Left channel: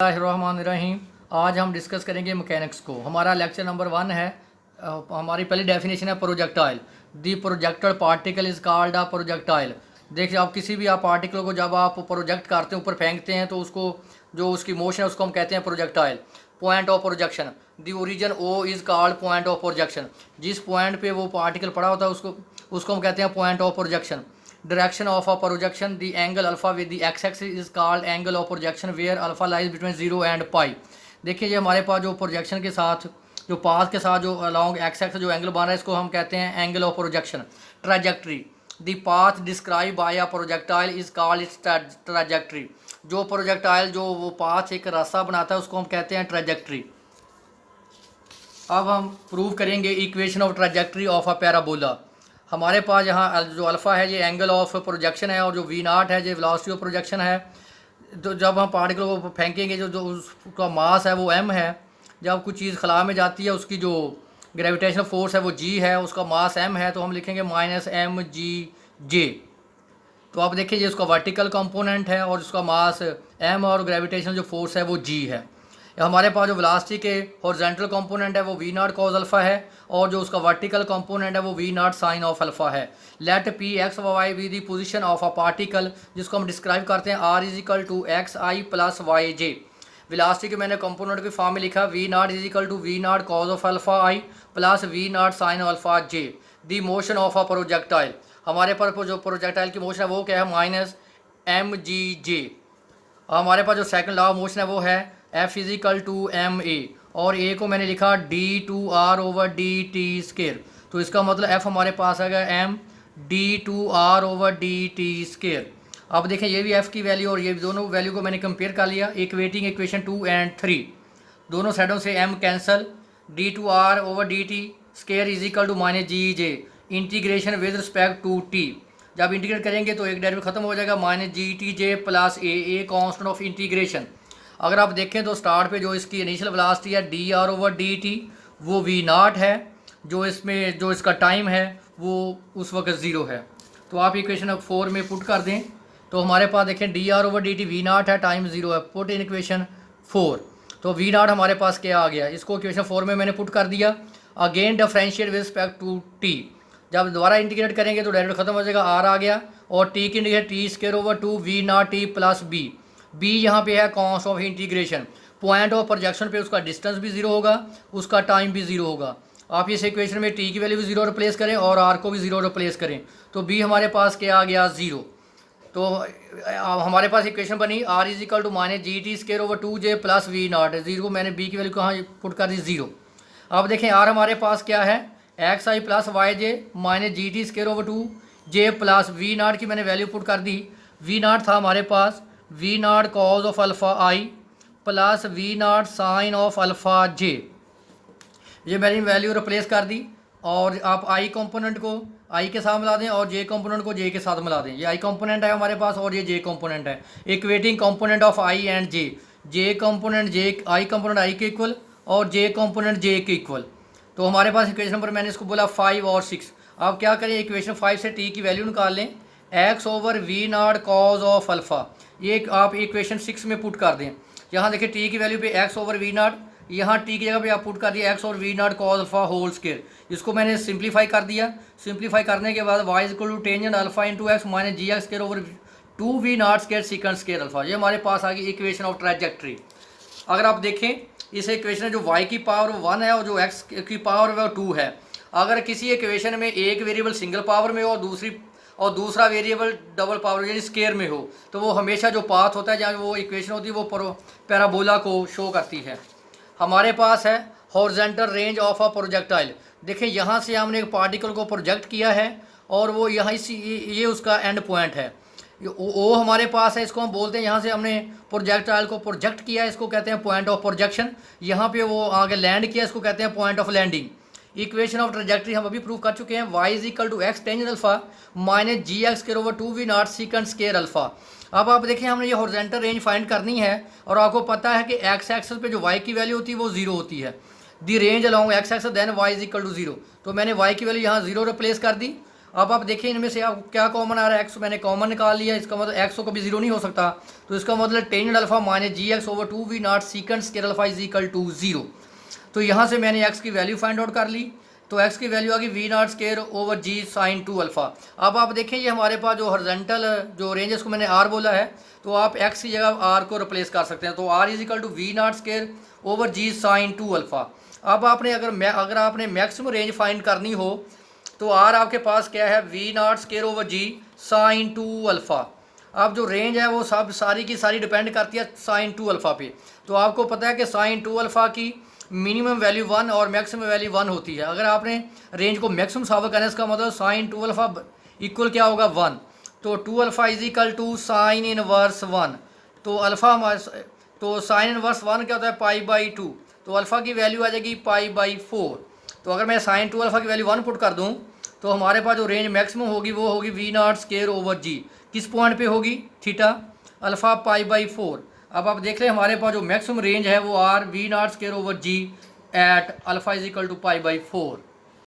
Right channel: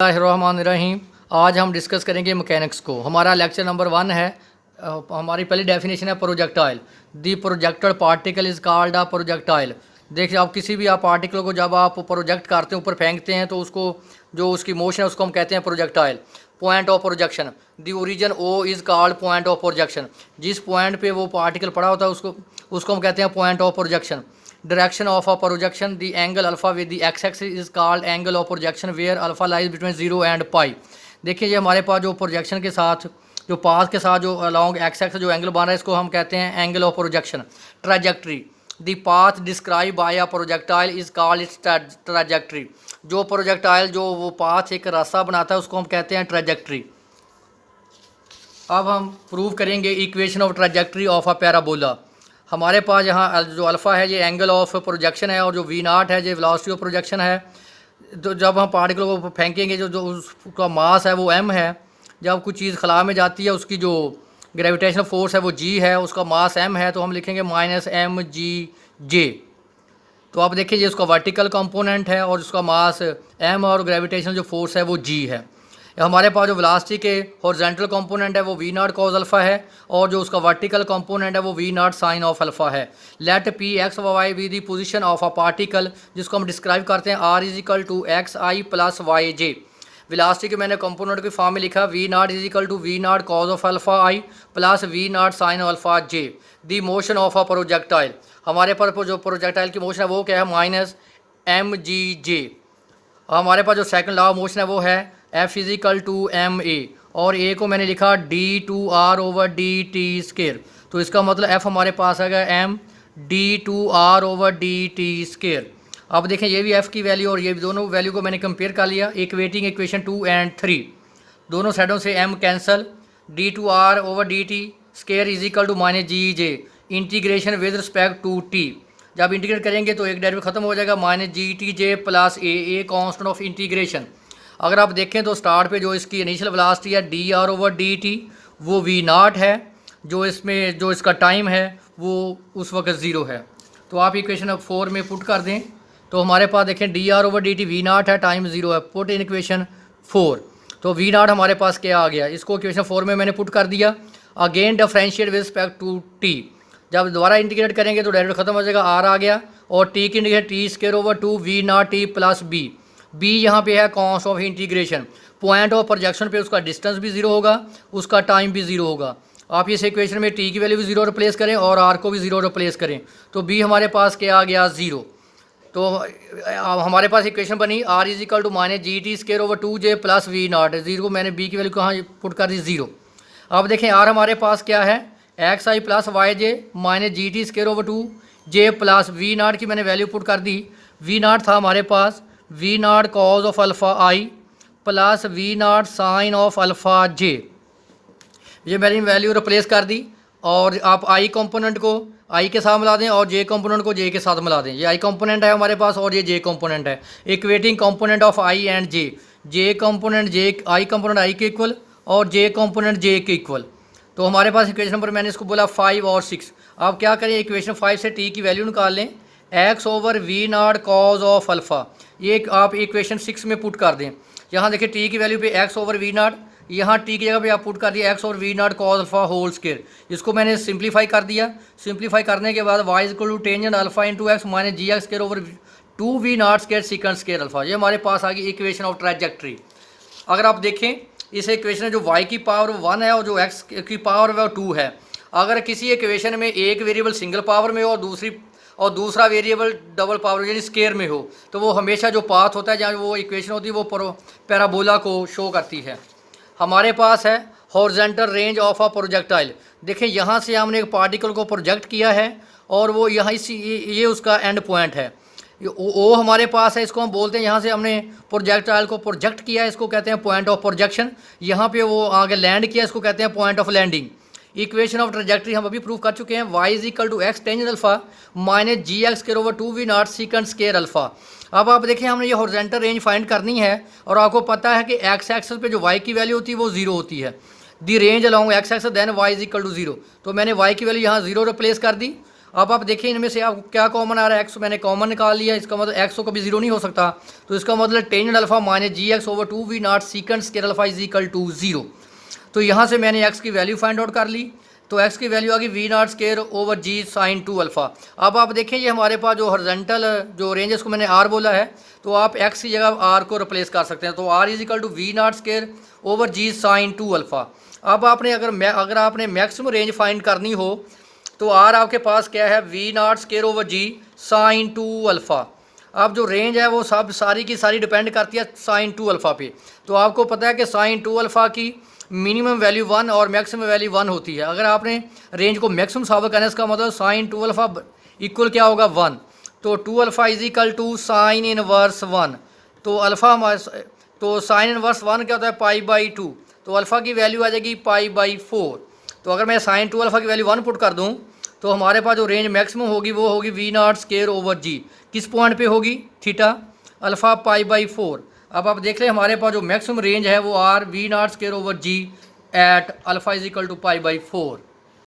रहीम। आज हम डिस्कस करेंगे मैकेनिक्स को। हमारा लेक्चर नंबर 1 है। हमारी पहली डेफिनेशन है projectile. The projected particle is called a projectile. देखिए, आप किसी भी आप पार्टिकल को जब आप प्रोजेक्ट करते हैं, ऊपर फेंकते हैं, तो उसको जो उसकी मोशन है उसको हम कहते हैं projectile. Point of projection, the origin O is called point of projection. जिस पॉइंट पे वो पार्टिकल पड़ा होता है उसको हम कहते हैं point of projection. Direction of a projection, the angle alpha with the X axis is called angle of projection where alpha lies between 0 and pi. देखिए, ये हमारे पास जो प्रोजेक्शन के साथ जो पाथ के साथ जो अलॉन्ग एक्स एक्स जो एंगल बन रहा है, इसको हम कहते हैं angle of projection. Trajectory, the path describe by a projectile is called its trajectory. जो प्रोजेक्टाइल जो वो पाथ एक रास्ता बनाता है उसको हम कहते हैं ट्रैजेक्टरी। अब हम प्रूव करेंगे equation of trajectory of a parabola. हमारे पास यहाँ जो अल्फ़ा है ये एंगल ऑफ प्रोजेक्शन है, और जो वी नाट है ये वेलोसिटी ऑफ प्रोजेक्शन है। तो जब हम पार्टिकल को फेंकेंगे, जो जो उसका मास है वो m है। जब कुछ चीज़ खला में जाती है, उसकी जो ग्रेविटेशनल फोर्स है वो g है, उसका मास m है, तो हम लिखेंगे -mg(J). तो आप देखिए, ये उसका वर्टिकल कंपोनेंट है और उसका मास m और ग्रेविटेशनल जो फोर्स है वो g है। हमारे पास जो वेलोसिटी के हॉरिजॉन्टल कंपोनेंट है वो वी नॉट कॉज अल्फा है, और जो उसका वर्टिकल कंपोनेंट है वो V naught sine of alpha है। Let P X Y be the position of a particle, जिसको हम डिस्क्राइब करते हैं R is equal to X I plus Y J. Velocity के मैंने कंपोनेंट की फॉर्म में लिखा V naught is equal to V naught cos of alpha I plus V naught sine alpha J. The motion of a projectile, हमारे पर जो projectile की motion है वो क्या है, -mg(J). हमारे पास जो सेकंड लॉ ऑफ मोशन है वो है F is equal to M A, और ए को मैंने लिखा d/r/dt²। तो इसका मतलब F हमारे पास आएगा m d/r/dt²। अब देखें, ये भी F की वैल्यू और ये दोनों वैल्यू को मैंने कंपेयर कर लिया। इक्वेटिंग इक्वेशन 2 और 3, दोनों साइडों से m cancel. d/r/dt² is equal to -g(J). Integration with respect to t, जब इंटीग्रेट करेंगे तो एक डेरिवेटिव खत्म हो जाएगा, -g(T(J) plus a constant of integration. अगर आप देखें तो स्टार्ट पे जो इसकी इनिशियल वेलोसिटी है dr/dt वो v नॉट है, जो इसमें जो इसका टाइम है वो उस वक्त 0 है। तो आप इक्वेशन 4 में पुट कर दें, तो हमारे पास देखें dr/dt v नॉट है, टाइम 0 है। पुट इन इक्वेशन 4, तो v नॉट हमारे पास क्या आ गया, इसको इक्वेशन 4 में मैंने पुट कर दिया। Again differentiate with respect to t, जब दोबारा इंटीग्रेट करेंगे तो डायरेक्ट खत्म हो जाएगा, r आ गया, और t की integrate t² v not t plus b। b यहाँ पे है cons of integration. Point of projection पे उसका डिस्टेंस भी 0 होगा, उसका टाइम भी 0 होगा। आप इस इक्वेशन में t की वैल्यू भी 0 रिप्लेस करें और r को भी 0 रिप्लेस करें, तो b हमारे पास क्या आ गया, 0। तो हमारे पास इक्वेशन बनी r is equal to -g(T)² plus v naught. 0 को मैंने b की वैल्यू कहाँ पुट कर दी, 0। अब देखें r हमारे पास क्या है, X I plus Y J -g(T)² plus V naught की मैंने वैल्यू पुट कर दी। वी नॉट था हमारे पास V naught cos of alpha I plus V naught sine of alpha J. ये मैंने वैल्यू रिप्लेस कर दी, और आप आई कंपोनेंट को आई के साथ मिला दें और जे कंपोनेंट को जे के साथ मिला दें। ये आई कंपोनेंट है हमारे पास और ये जे कंपोनेंट है। Equating component of I and J, J component J I component I के इक्वल और जे कंपोनेंट जे के इक्वल। तो हमारे पास इक्वेशन नंबर मैंने इसको बोला 5 और 6। अब क्या करें, इक्वेशन 5 से टी की वैल्यू निकाल लें, x/v0 कॉज ऑफ अल्फ़ा। ये आप इक्वेशन 6 में पुट कर दें। यहाँ देखिए टी की वैल्यू पे x/v0, यहाँ टी की जगह पे आप पुट कर दिया x/v0 cos alpha whole square. इसको मैंने सिंप्लीफाई कर दिया। सिंप्लीफाई करने के बाद y equal to tangent alpha into X -gx²/2v0² second square alpha. ये हमारे पास आ गई इक्वेशन ऑफ ट्रैजेक्टरी। अगर आप देखें इस इक्वेशन में जो y की पावर 1 है और जो x की पावर है वो 2 है। अगर किसी इक्वेशन में एक वेरिएबल सिंगल पावर में हो और दूसरा वेरिएबल डबल पावर यानी स्केयर में हो, तो वो हमेशा जो पाथ होता है, जहाँ वो इक्वेशन होती है, वो पैराबोला को शो करती है। हमारे पास है horizontal range of a projectile. देखिए, यहाँ से हमने एक पार्टिकल को प्रोजेक्ट किया है और वो यहाँ ये उसका एंड पॉइंट है। ओ हमारे पास है, इसको हम बोलते हैं, यहाँ से हमने प्रोजेक्टाइल को प्रोजेक्ट किया है, इसको कहते हैं पॉइंट ऑफ प्रोजेक्शन। यहाँ पे वो आगे लैंड किया, इसको कहते हैं point of landing. Equation of trajectory हम अभी प्रूव कर चुके हैं, y is equal to X tangent alpha -gx²/2v0 second square alpha. अब आप देखिए, हमने ये हॉरिजॉन्टल रेंज फाइंड करनी है, और आपको पता है कि एक्स एक्सेस पे जो y की वैल्यू होती है वो 0 होती है। The range along X axis then y is equal to 0। तो मैंने y की वैल्यू यहाँ 0 रिप्लेस कर दी, अब आप देखिए इनमें से आप क्या कॉमन आ रहा है, एक्स मैंने कॉमन निकाल लिया, इसका मतलब एक्स तो कभी जीरो नहीं हो सकता, तो इसका मतलब tan alpha minus G X over two V naught second square alpha is equal to zero. तो यहाँ से मैंने एक्स की वैल्यू फाइंड आउट कर ली, तो एक्स की वैल्यू आ गई V naught square over G sine two alpha. अब आप देखें ये हमारे पास जो हॉरिजॉन्टल जो रेंज है इसको मैंने आर बोला है, तो आप एक्स की जगह आर को रिप्लेस कर सकते हैं, तो R is equal to V naught square over G sine two alpha. अब आपने अगर आपने मैक्सिमम रेंज फाइंड करनी हो तो आर आपके पास क्या है, V naught square over G sine two alpha. अब जो रेंज है वो सब सारी की सारी डिपेंड करती है साइन टू अल्फ़ा पे। तो आपको पता है कि साइन टू अल्फ़ा की मिनिमम वैल्यू 1 और मैक्सिमम वैल्यू 1 होती है। अगर आपने रेंज को मैक्सिमम साबित करना है इसका मतलब साइन टू अल्फ़ा इक्वल क्या होगा 1, तो two alpha is equal to sine inverse 1। तो अल्फ़ा तो साइन इनवर्स 1 क्या होता है पाई बाई 2, तो अल्फ़ा की वैल्यू आ जाएगी पाई बाई 4। तो अगर मैं साइन टू अल्फ़ा की वैल्यू 1 पुट कर दूं तो हमारे पास जो रेंज मैक्सिमम होगी वो होगी वी नॉट स्केयर ओवर जी, किस पॉइंट पे होगी, थीटा अल्फ़ा पाई बाई 4। अब आप देख लें हमारे पास जो मैक्सिमम रेंज है वो R V naught square over G at alpha is equal to pi by 4।